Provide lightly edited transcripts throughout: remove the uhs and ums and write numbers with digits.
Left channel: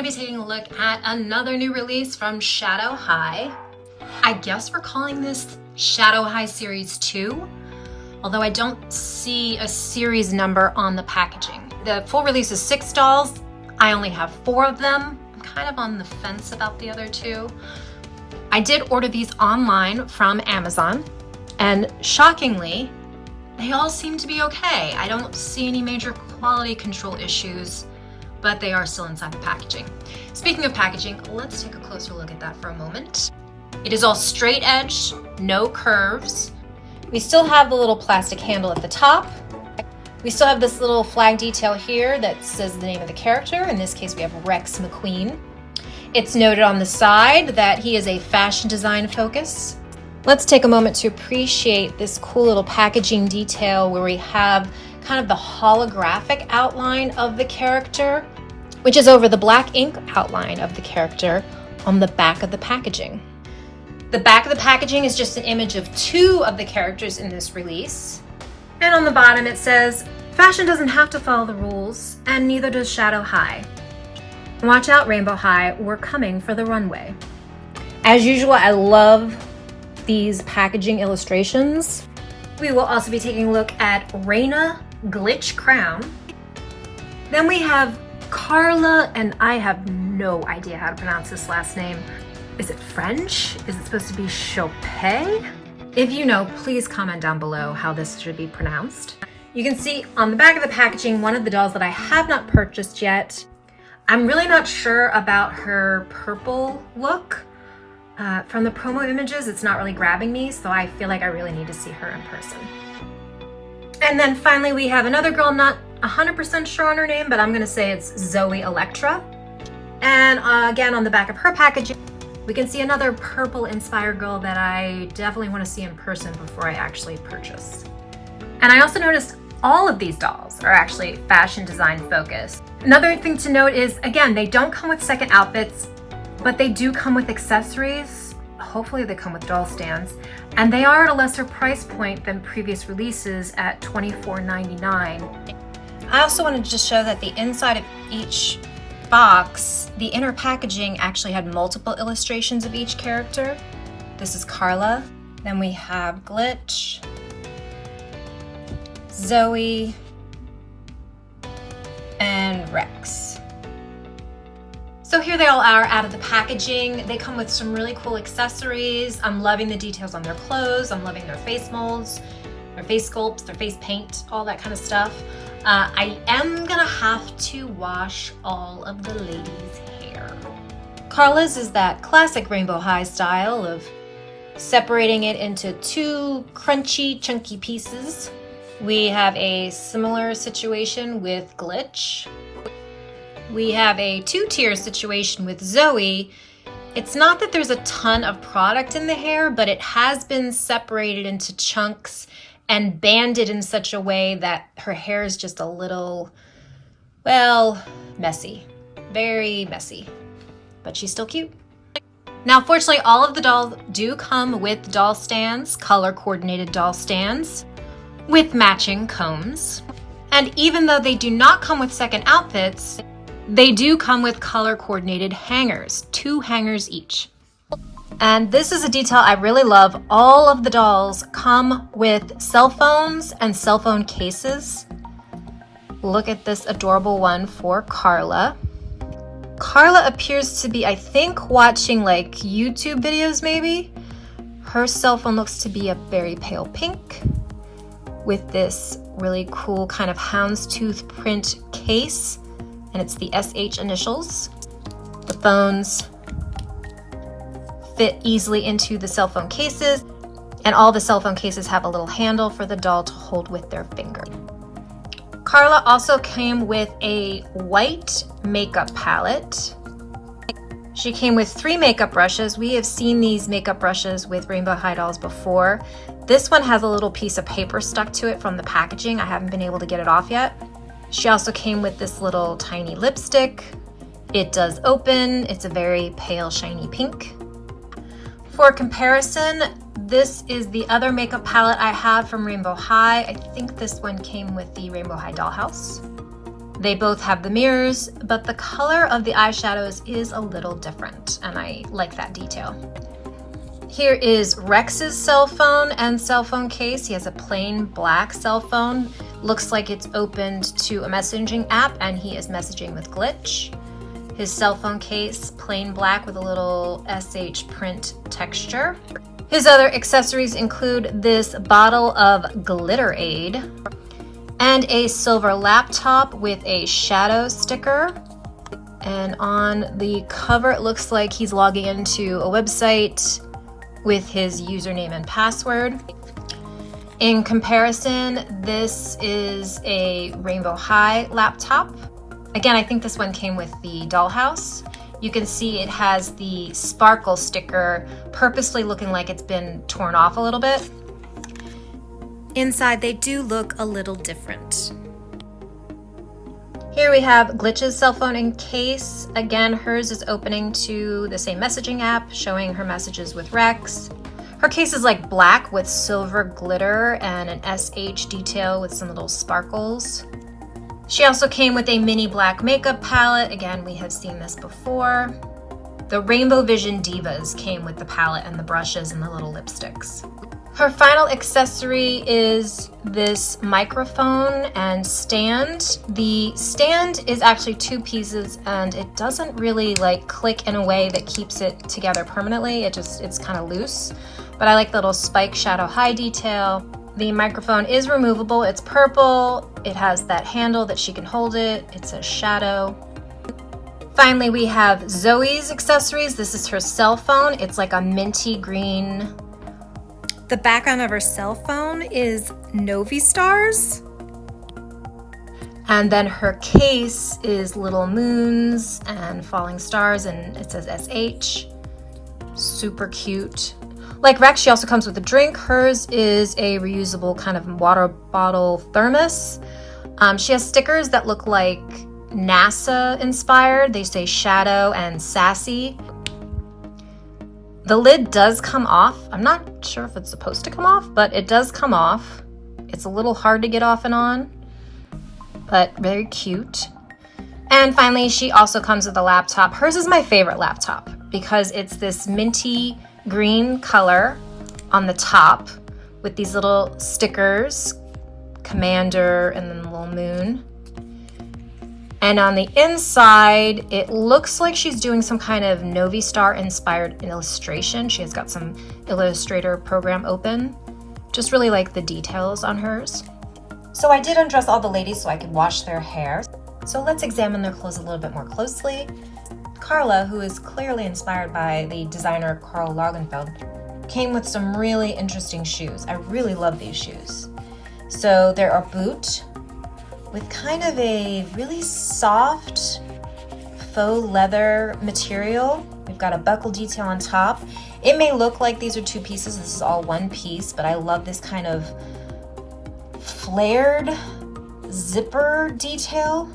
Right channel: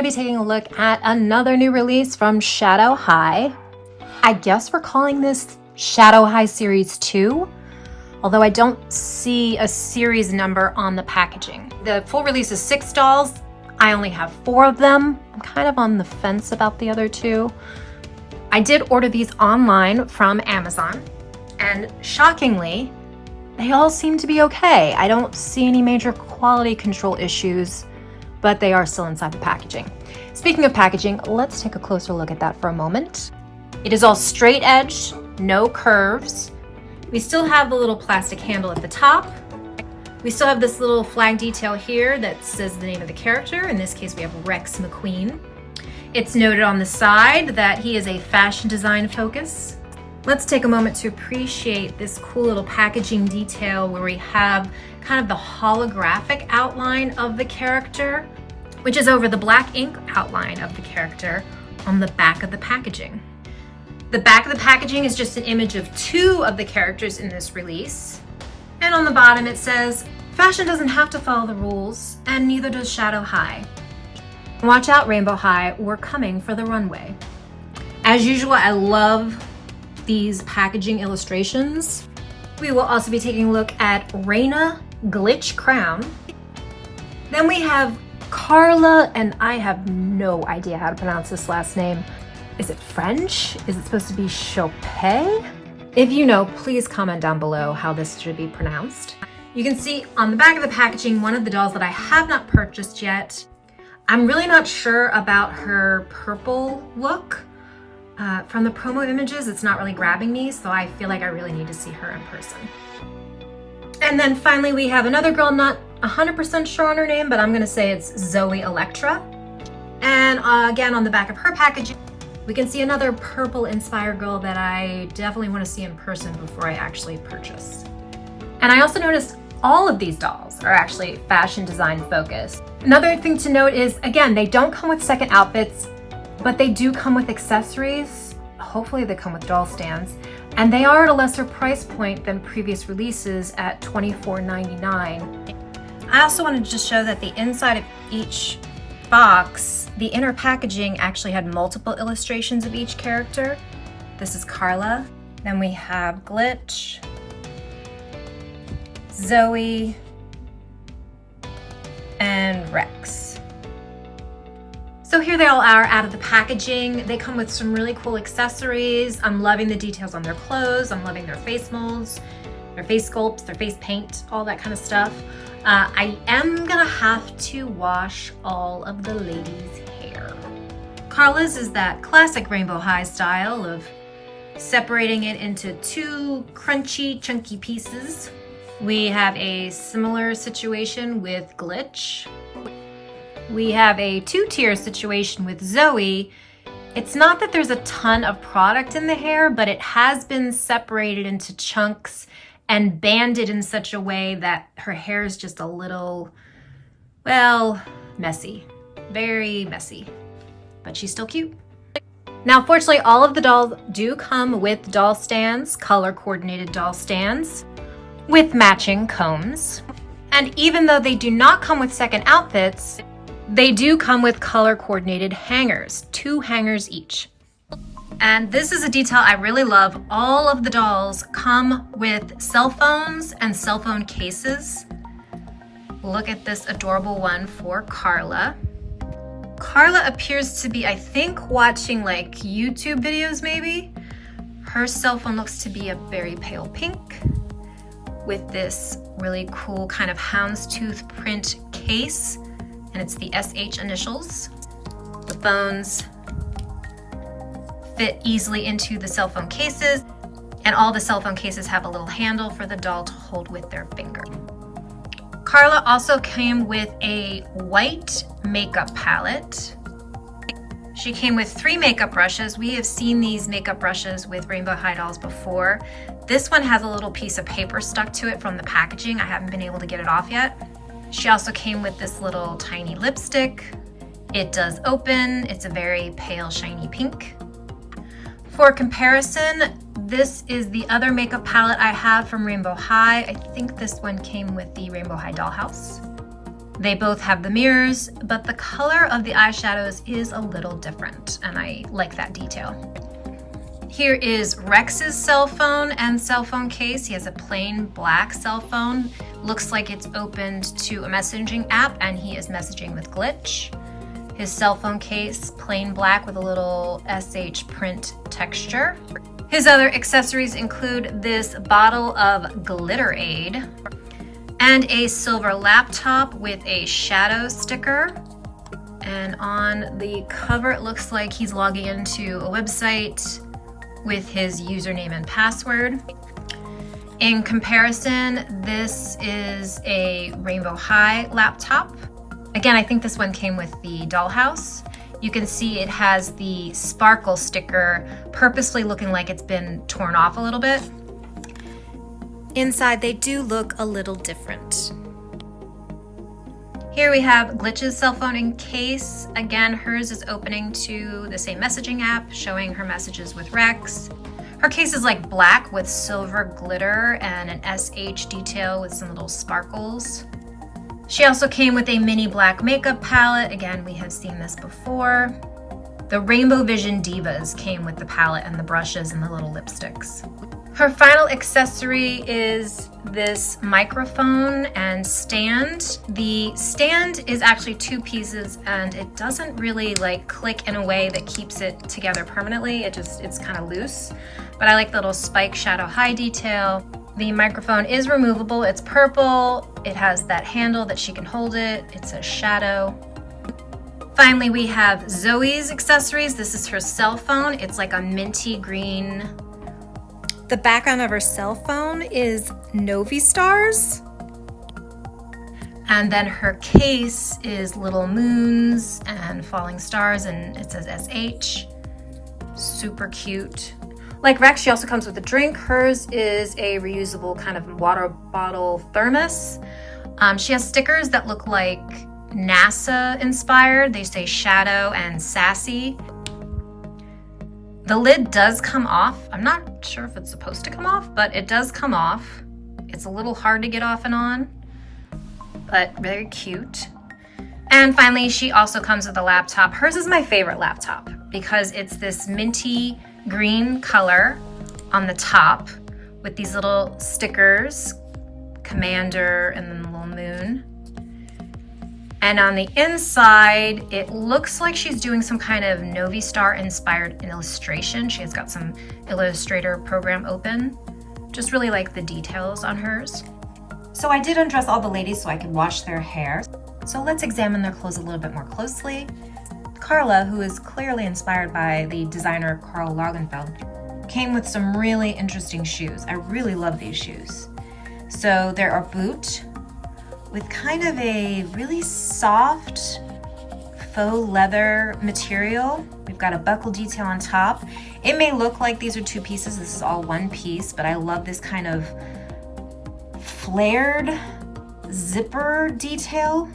going to be taking a look at another new release from Shadow High. I guess we're calling this Shadow High Series 2, although I don't see a series number on the packaging. The full release is 6 dolls. I only have 4 of them. I'm kind of on the fence about the other 2. I did order these online from Amazon, and shockingly, they all seem to be okay. I don't see any major quality control issues, but they are still inside the packaging. Speaking of packaging, let's take a closer look at that for a moment. It is all straight edge, no curves. We still have the little plastic handle at the top. We still have this little flag detail here that says the name of the character. In this case, we have Rexx McQueen. It's noted on the side that he is a fashion design focus. Let's take a moment to appreciate this cool little packaging detail where we have kind of the holographic outline of the character, which is over the black ink outline of the character on the back of the packaging. The back of the packaging is just an image of 2 of the characters in this release. And on the bottom it says, "Fashion doesn't have to follow the rules, and neither does Shadow High. Watch out, Rainbow High, we're coming for the runway." As usual, I love these packaging illustrations. We will also be taking a look at Reina Glitch Crowne. Then we have Karla, and I have no idea how to pronounce this last name. Is it French? Is it supposed to be Choupette? If you know, please comment down below how this should be pronounced. You can see on the back of the packaging one of the dolls that I have not purchased yet. I'm really not sure about her purple look. From the promo images, it's not really grabbing me, so I feel like I really need to see her in person. And then finally, we have another girl, not 100% sure on her name, but I'm gonna say it's Zooey Electra. And again, on the back of her packaging, we can see another purple inspired girl that I definitely wanna see in person before I actually purchase. And I also noticed all of these dolls are actually fashion design focused. Another thing to note is, again, they don't come with second outfits, but they do come with accessories. Hopefully they come with doll stands. And they are at a lesser price point than previous releases at $24.99. I also wanted to just show that the inside of each box, the inner packaging actually had multiple illustrations of each character. This is Karla. Then we have Glitch, Zooey, and Rexx. So here they all are out of the packaging. They come with some really cool accessories. I'm loving the details on their clothes. I'm loving their face molds, their face sculpts, their face paint, all that kind of stuff. I am gonna have to wash all of the ladies' hair. Karla's is that classic Rainbow High style of separating it into 2 crunchy, chunky pieces. We have a similar situation with Glitch. We have a 2-tier situation with Zooey. It's not that there's a ton of product in the hair, but it has been separated into chunks and banded in such a way that her hair is just a little, well, messy. Very messy, but she's still cute. Now, fortunately, all of the dolls do come with doll stands, color-coordinated doll stands, with matching combs. And even though they do not come with second outfits, they do come with color-coordinated hangers, 2 hangers each. And this is a detail I really love. All of the dolls come with cell phones and cell phone cases. Look at this adorable one for Karla. Karla appears to be, I think, watching like YouTube videos maybe. Her cell phone looks to be a very pale pink with this really cool kind of houndstooth print case. And it's the SH initials. The phones fit easily into the cell phone cases, and all the cell phone cases have a little handle for the doll to hold with their finger. Karla also came with a white makeup palette. She came with 3 makeup brushes. We have seen these makeup brushes with Rainbow High dolls before. This one has a little piece of paper stuck to it from the packaging. I haven't been able to get it off yet. She also came with this little tiny lipstick. It does open. It's a very pale, shiny pink. For comparison, this is the other makeup palette I have from Rainbow High. I think this one came with the Rainbow High dollhouse. They both have the mirrors, but the color of the eyeshadows is a little different, and I like that detail. Here is Rex's cell phone and cell phone case. He has a plain black cell phone. Looks like it's opened to a messaging app, and he is messaging with Glitch. His cell phone case, plain black with a little SH print texture. His other accessories include this bottle of Glitter Aid and a silver laptop with a shadow sticker. And on the cover, it looks like he's logging into a website with his username and password. In comparison, this is a Rainbow High laptop. Again, I think this one came with the dollhouse. You can see it has the sparkle sticker purposely looking like it's been torn off a little bit. Inside, they do look a little different. Here we have Glitch's cell phone and case. Again, hers is opening to the same messaging app, showing her messages with Rexx. Her case is like black with silver glitter and an SH detail with some little sparkles. She also came with a mini black makeup palette. Again, we have seen this before. The Rainbow Vision Divas came with the palette and the brushes and the little lipsticks. Her final accessory is this microphone and stand. The stand is actually two pieces and it doesn't really like click in a way that keeps it together permanently. It's kind of loose, but I like the little spike shadow high detail. The microphone is removable. It's purple. It has that handle that she can hold it. It says shadow. Finally, we have Zooey's accessories. This is her cell phone. It's like a minty green. The background of her cell phone is Novi stars. And then her case is little moons and falling stars, and it says SH. Super cute. Like Rexx, she also comes with a drink. Hers is a reusable kind of water bottle thermos. She has stickers that look like NASA inspired. They say shadow and sassy. The lid does come off. I'm not sure if it's supposed to come off, but it does come off. It's a little hard to get off and on, but very cute. And finally, she also comes with a laptop. Hers is my favorite laptop because it's this minty green color on the top with these little stickers, Commander and then the little moon. And on the inside, it looks like she's doing some kind of Novi Star inspired illustration. She has got some Illustrator program open. Just really like the details on hers. So I did undress all the ladies so I could wash their hair. So let's examine their clothes a little bit more closely. Karla, who is clearly inspired by the designer Karl Lagerfeld, came with some really interesting shoes. I really love these shoes. So they're a boot with kind of a really soft faux leather material. We've got a buckle detail on top. It may look like these are two pieces. This is all one piece, but I love this kind of flared zipper detail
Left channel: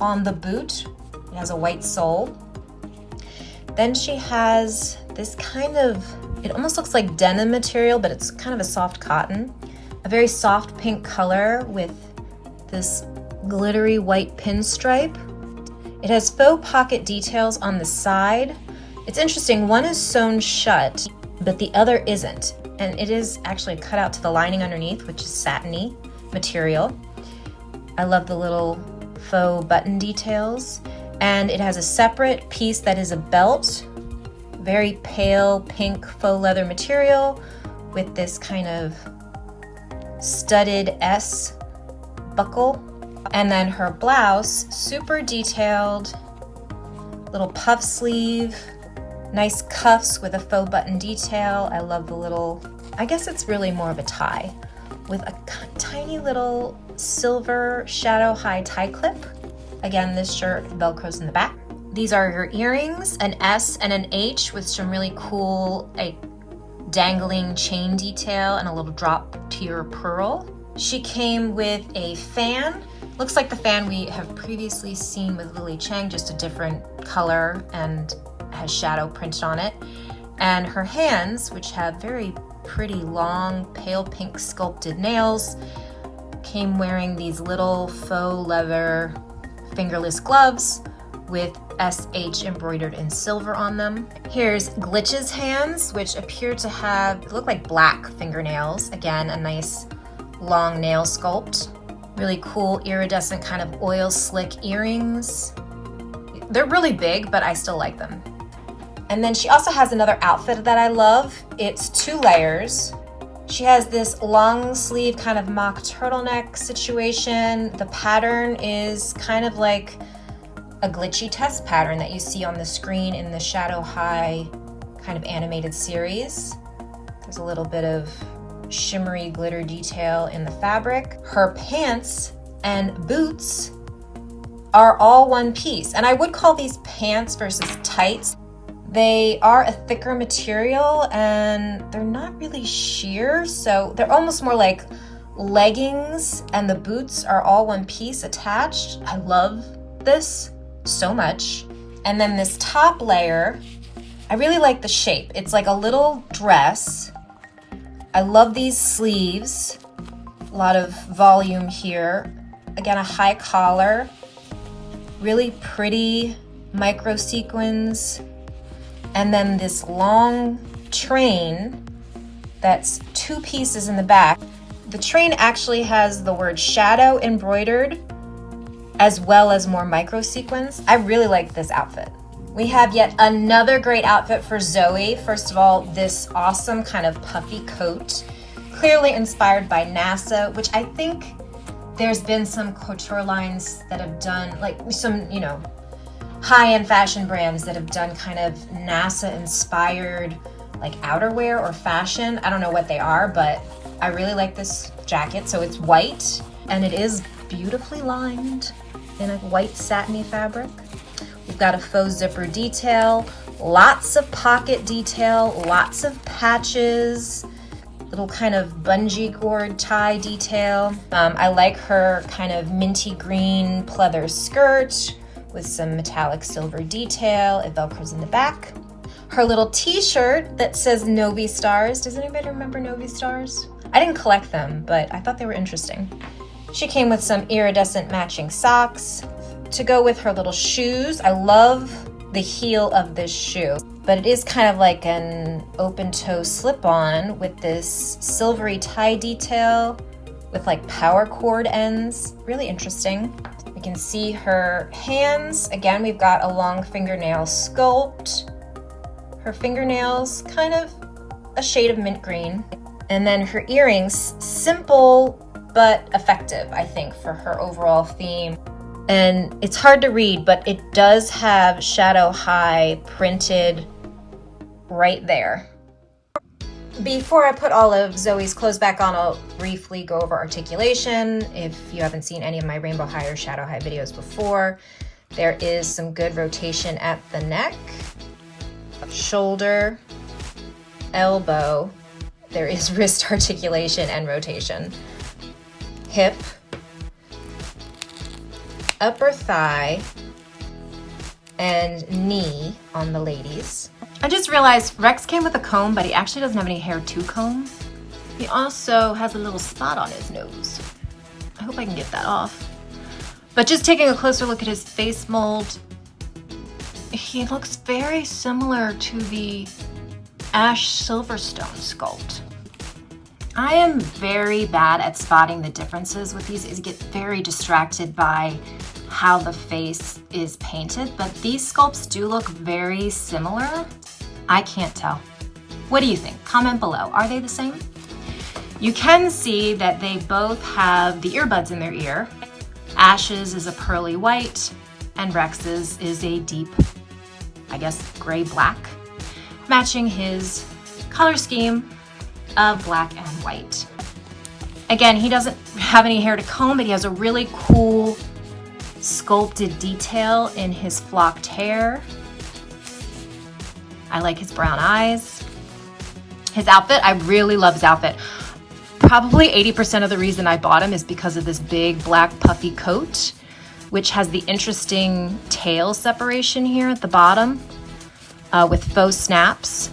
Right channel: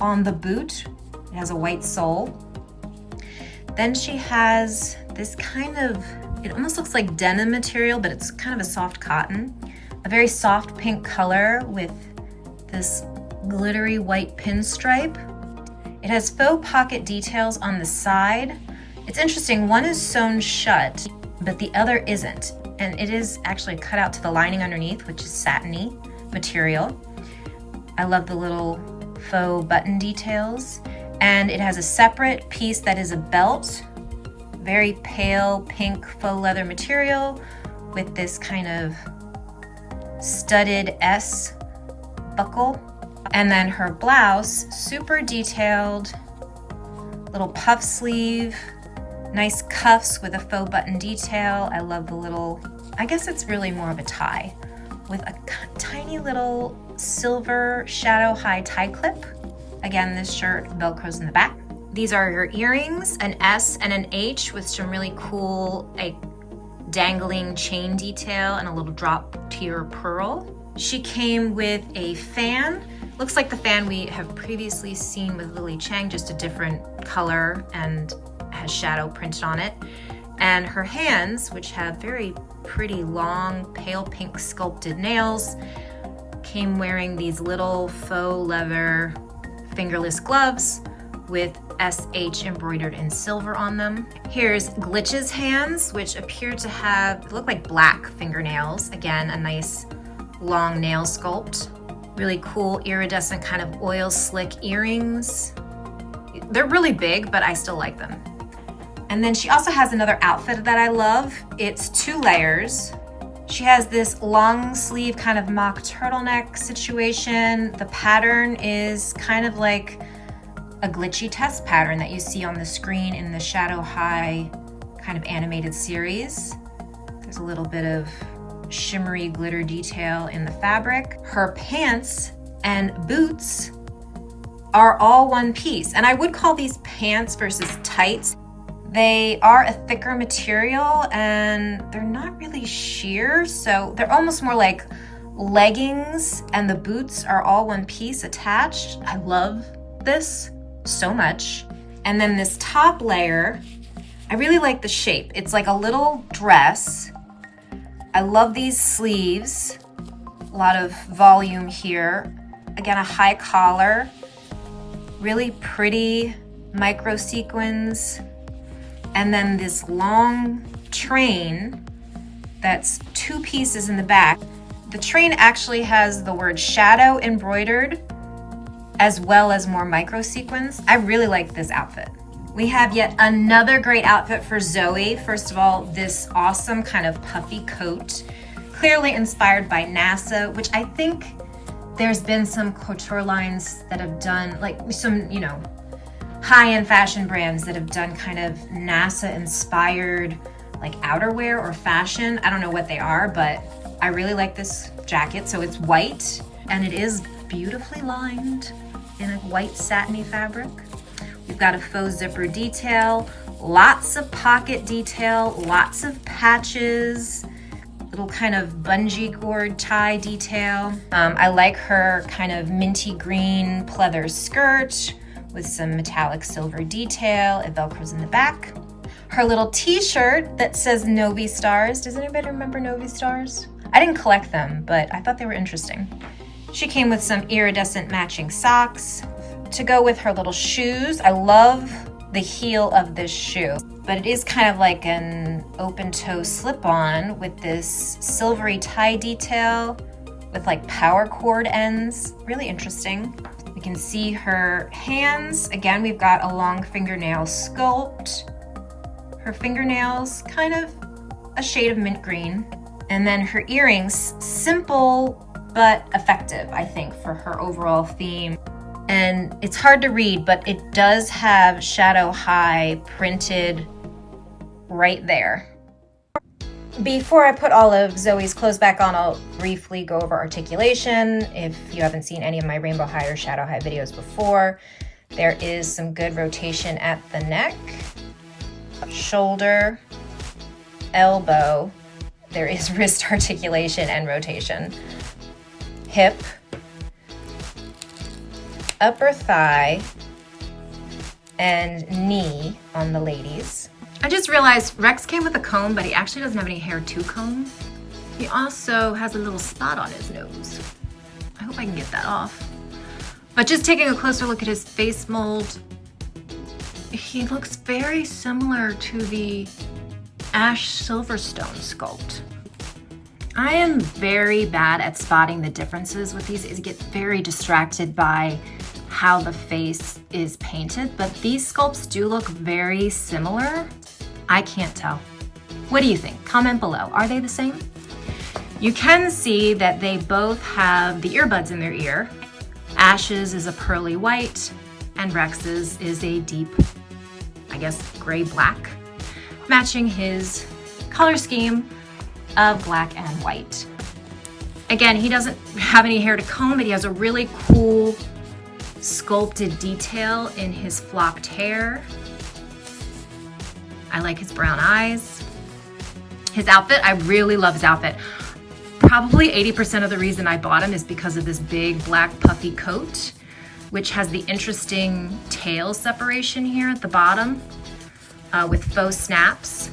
on the boot. It has a white sole. Then she has this kind of, it almost looks like denim material, but it's kind of a soft cotton. A very soft pink color with this glittery white pinstripe. It has faux pocket details on the side. It's interesting, one is sewn shut, but the other isn't. And it is actually cut out to the lining underneath, which is satiny material. I love the little faux button details. And it has a separate piece that is a belt, very pale pink faux leather material with this kind of studded S buckle. And then her blouse, super detailed, little puff sleeve, nice cuffs with a faux button detail. I love the little, I guess it's really more of a tie, with a tiny little silver shadow high tie clip. Again, this shirt velcros in the back. These are her earrings, an S and an H with some really cool dangling chain detail and a little drop tier pearl. She came with a fan. Looks like the fan we have previously seen with Lily Chang, just a different color and has shadow printed on it. And her hands, which have very pretty long pale pink sculpted nails, came wearing these little faux leather fingerless gloves with SH embroidered in silver on them. Here's Glitch's hands, which appear to look like black fingernails. Again, a nice long nail sculpt. Really cool iridescent kind of oil slick earrings. They're really big, but I still like them. And then she also has another outfit that I love. It's 2 layers. She has this long sleeve kind of mock turtleneck situation. The pattern is kind of like a glitchy test pattern that you see on the screen in the Shadow High kind of animated series. There's a little bit of shimmery glitter detail in the fabric. Her pants and boots are all one piece. And I would call these pants versus tights. They are a thicker material and they're not really sheer, so they're almost more like leggings, and the boots are all one piece attached. I love this so much. And then this top layer, I really like the shape. It's like a little dress. I love these sleeves, a lot of volume here. Again, a high collar, really pretty micro sequins. And then this long train that's 2 pieces in the back. The train actually has the word shadow embroidered, as well as more micro sequins. I really like this outfit. We have yet another great outfit for Zooey. First of all, this awesome kind of puffy coat, clearly inspired by NASA, which I think there's been some couture lines that have done, like some, high-end fashion brands that have done kind of NASA-inspired like outerwear or fashion. I don't know what they are, but I really like this jacket. So it's white and it is beautifully lined in a white satiny fabric. We've got a faux zipper detail, lots of pocket detail, lots of patches, little kind of bungee cord tie detail. I like her kind of minty green pleather skirt with some metallic silver detail. It velcros in the back. Her little t-shirt that says Novi Stars. Does anybody remember Novi Stars? I didn't collect them, but I thought they were interesting. She came with some iridescent matching socks to go with her little shoes. I love the heel of this shoe, but it is kind of like an open toe slip-on with this silvery tie detail with like power cord ends. Really interesting. We can see her hands. Again, we've got a long fingernail sculpt. Her fingernails, kind of a shade of mint green. And then her earrings, simple but effective, I think, for her overall theme. And it's hard to read, but it does have Shadow High printed right there. Before I put all of Zooey's clothes back on, I'll briefly go over articulation. If you haven't seen any of my Rainbow High or Shadow High videos before, there is some good rotation at the neck, shoulder, elbow. There is wrist articulation and rotation. Hip, upper thigh, and knee on the ladies. I just realized Rexx came with a comb, but he actually doesn't have any hair to comb. He also has a little spot on his nose. I hope I can get that off. But just taking a closer look at his face mold, he looks very similar to the Ash Silverstone sculpt. I am very bad at spotting the differences with these. I get very distracted by how the face is painted, but these sculpts do look very similar. I can't tell. What do you think? Comment below. Are they the same? You can see that they both have the earbuds in their ear. Ash's is a pearly white, and Rexx's is a deep, I guess, gray-black, matching his color scheme of black and white. Again, he doesn't have any hair to comb, but he has a really cool sculpted detail in his flocked hair. I like his brown eyes. His outfit, I really love his outfit. Probably 80% of the reason I bought him is because of this big black puffy coat, which has the interesting tail separation here at the bottom with faux snaps.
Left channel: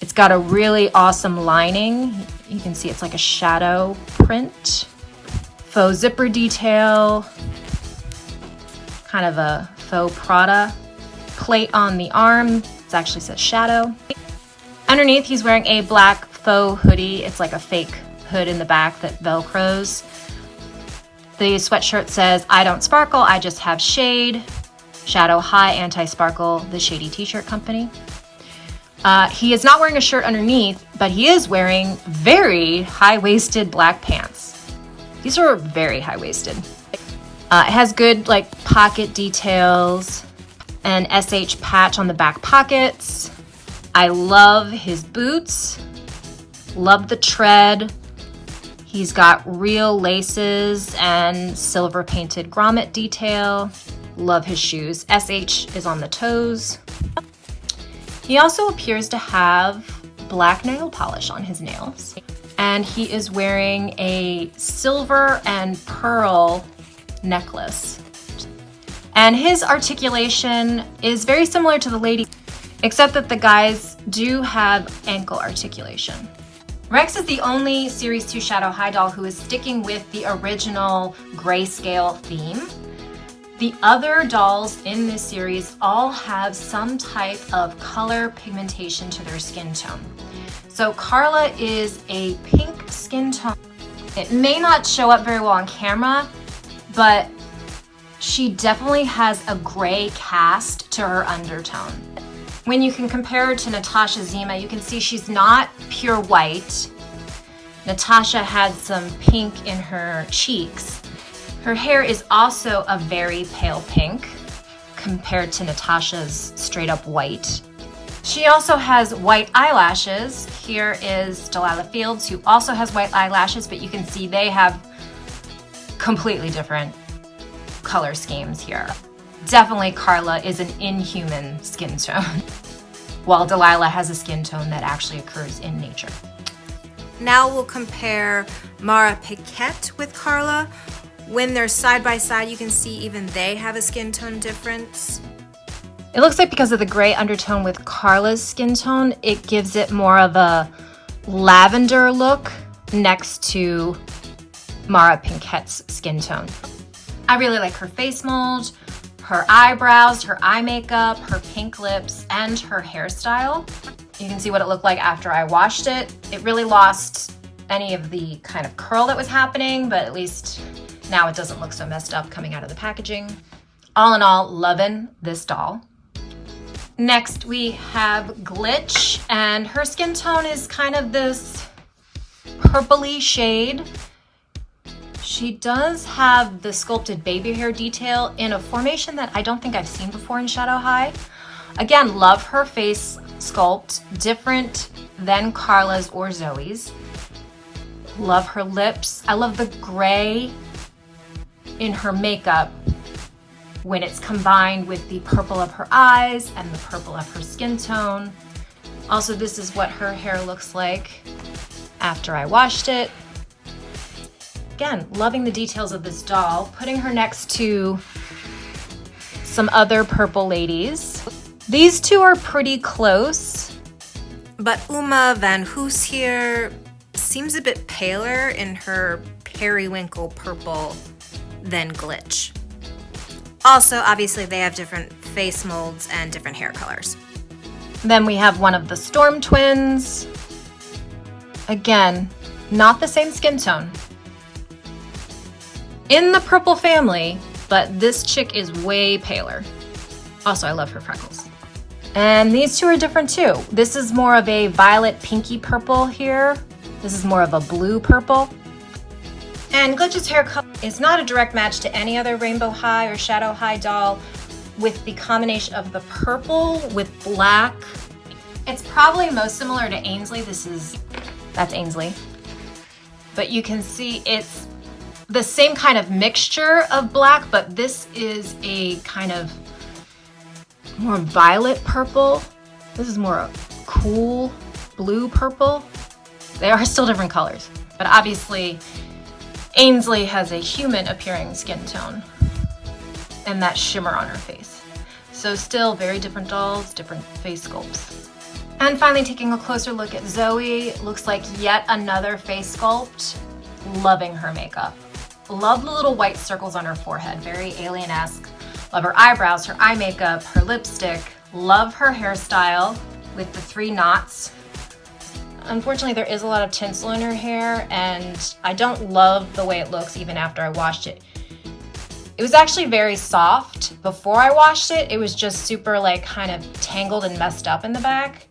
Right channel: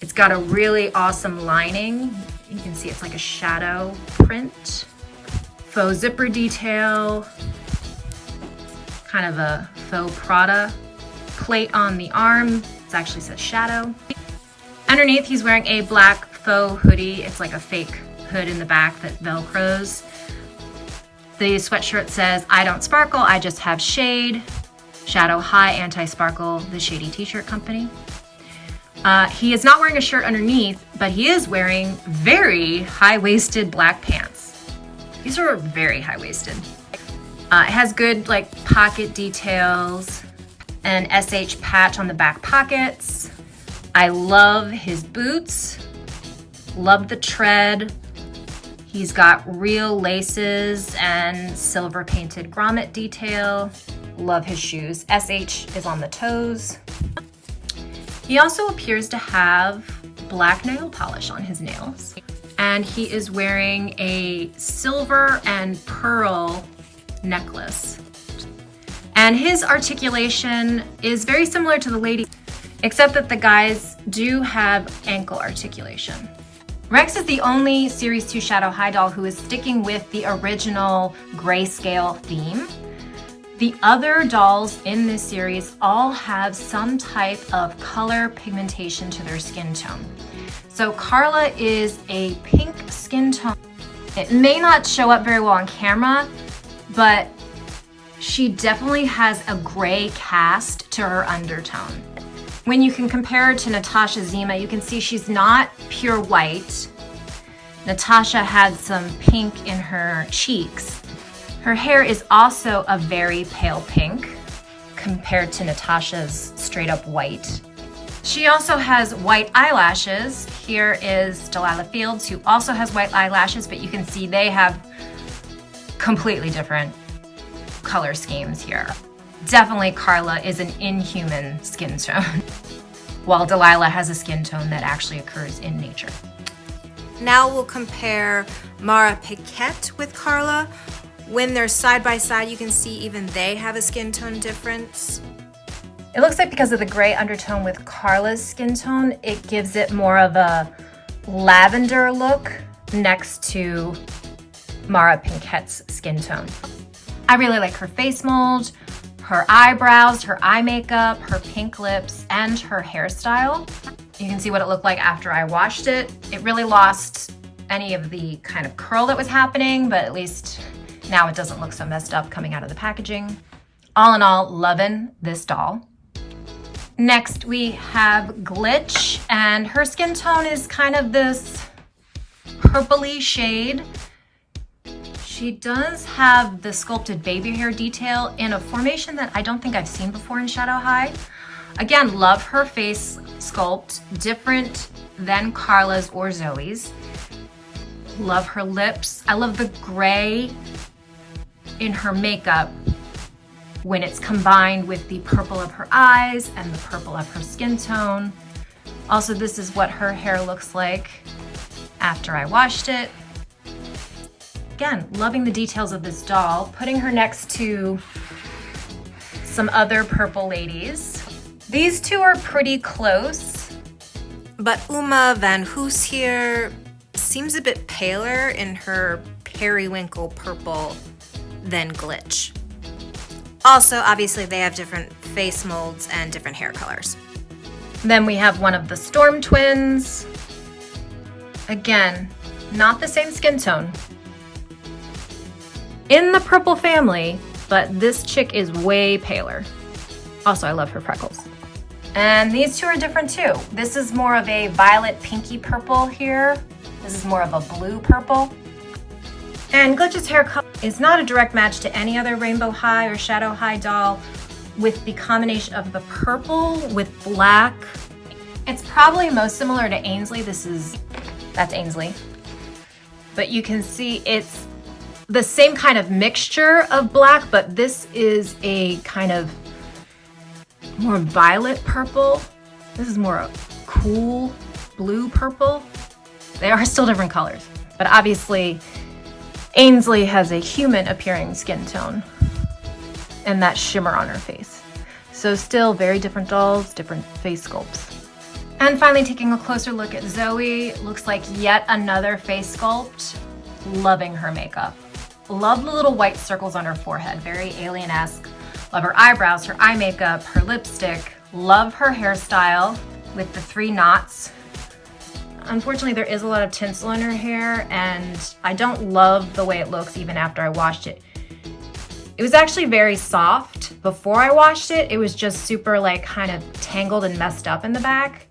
It's got a really awesome lining. You can see it's like a shadow print. Faux zipper detail. kind of a faux Prada plate on the arm. It actually says Shadow. Underneath, he's wearing a black faux hoodie. It's like a fake hood in the back that Velcros. The sweatshirt says, "I don't sparkle, I just have shade. Shadow High Anti-Sparkle, the shady t-shirt company." He is not wearing a shirt underneath, but he is wearing very high-waisted black pants. These are very high-waisted. It has good like pocket details, an SH patch on the back pockets. I love his boots, love the tread. He's got real laces and silver painted grommet detail. Love his shoes. SH is on the toes. He also appears to have black nail polish on his nails. And he is wearing a silver and pearl necklace. And his articulation is very similar to the lady, except that the guys do have ankle articulation. Rexx is the only Series 2 Shadow High doll who is sticking with the original grayscale theme. The other dolls in this series all have some type of color pigmentation to their skin tone. So Karla is a pink skin tone. It may not show up very well on camera, but she definitely has a gray cast to her undertone. When you can compare her to Natasha Zima, you can see she's not pure white. Natasha had some pink in her cheeks. Her hair is also a very pale pink compared to Natasha's straight up white. She also has white eyelashes. Here is Delilah Fields, who also has white eyelashes, but you can see they have completely different color schemes here. Definitely Karla is an inhuman skin tone, while Delilah has a skin tone that actually occurs in nature. Now we'll compare Mara Paquette with Karla. When they're side by side, you can see even they have a skin tone difference. It looks like because of the gray undertone with Karla's skin tone, it gives it more of a lavender look next to Mara Paquette's skin tone. I really like her face mold, her eyebrows, her eye makeup, her pink lips, and her hairstyle. You can see what it looked like after I washed it. It really lost any of the kind of curl that was happening, but at least now it doesn't look so messed up coming out of the packaging. All in all, loving this doll. Next we have Glitch, and her skin tone is kind of this purpley shade. She does have the sculpted baby hair detail in a formation that I don't think I've seen before in Shadow High. Again, love her face sculpt, different than Karla's or Zooey's. Love her lips. I love the gray in her makeup when it's combined with the purple of her eyes and the purple of her skin tone. Also, this is what her hair looks like after I washed it. Again, loving the details of this doll, putting her next to some other purple ladies. These two are pretty close. But Uma Van Hoos here seems a bit paler in her periwinkle purple than Glitch. Also, obviously, they have different face molds and different hair colors. Then we have one of the Storm twins. Again, not the same skin tone. In the purple family, but this chick is way paler. Also, I love her freckles. And these two are different too. This is more of a violet pinky purple here. This is more of a blue purple. And Glitch's hair color is not a direct match to any other Rainbow High or Shadow High doll with the combination of the purple with black. It's probably most similar to Ainsley. That's Ainsley. But you can see it's the same kind of mixture of black, but this is a kind of more violet purple. This is more a cool blue purple. They are still different colors, but obviously Ainsley has a human appearing skin tone and that shimmer on her face. So still very different dolls, different face sculpts. And finally, taking a closer look at Zooey, looks like yet another face sculpt. Loving her makeup. Love the little white circles on her forehead, very alien-esque. Love her eyebrows, her eye makeup, her lipstick. Love her hairstyle with the 3 knots. Unfortunately, there is a lot of tinsel in her hair, and I don't love the way it looks even after I washed it. It was actually very soft before I washed it. It was just super like kind of tangled and messed up in the back.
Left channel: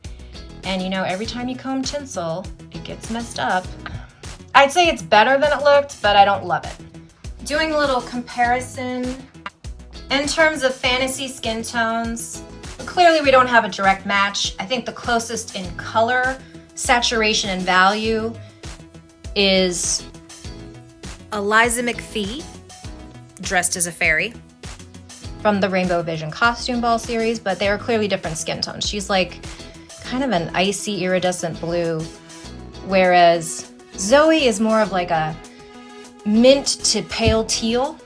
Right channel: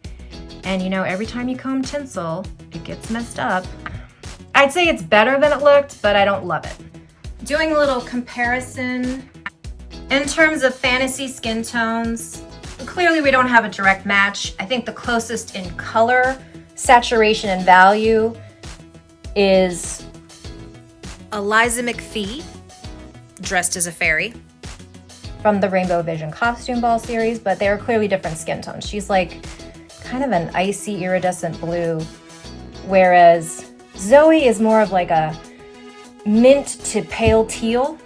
And you know, every time you comb tinsel, it gets messed up. I'd say it's better than it looked, but I don't love it. Doing a little comparison. In terms of fantasy skin tones, clearly we don't have a direct match. I think the closest in color, saturation, and value is Eliza McPhee, dressed as a fairy. from the Rainbow Vision Costume Ball series, but they are clearly different skin tones. She's like kind of an icy iridescent blue, whereas Zooey is more of like a mint to pale teal.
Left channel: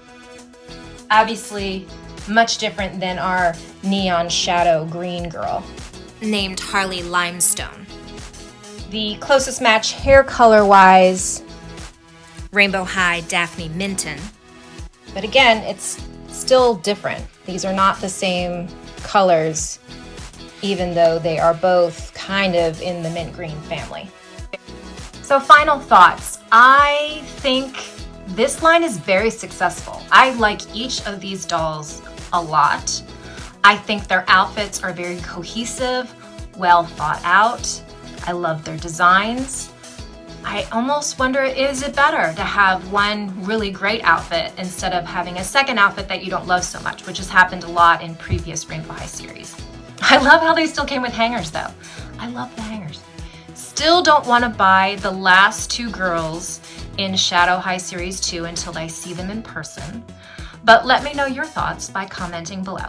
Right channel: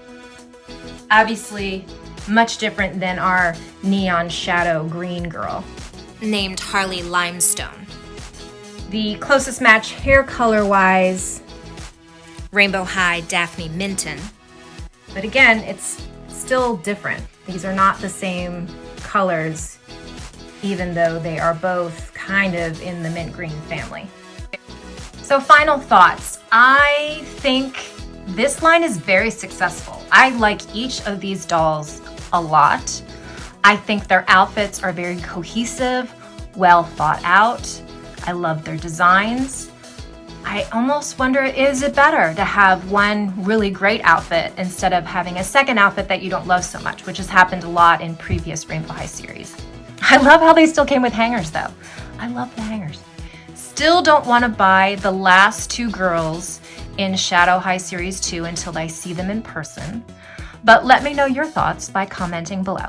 Obviously, much different than our neon shadow green girl. Named Harley Limestone. The closest match hair color wise, Rainbow High Daphne Minton. but again, it's still different. These are not the same colors, even though they are both kind of in the mint green family. So final thoughts. I think this line is very successful. I like each of these dolls a lot. I think their outfits are very cohesive, well thought out. I love their designs. I almost wonder, is it better to have one really great outfit instead of having a second outfit that you don't love so much, which has happened a lot in previous Rainbow High series. I love how they still came with hangers though. I love the hangers. Still don't want to buy the last 2 girls in Shadow High Series 2 until I see them in person. But let me know your thoughts by commenting below.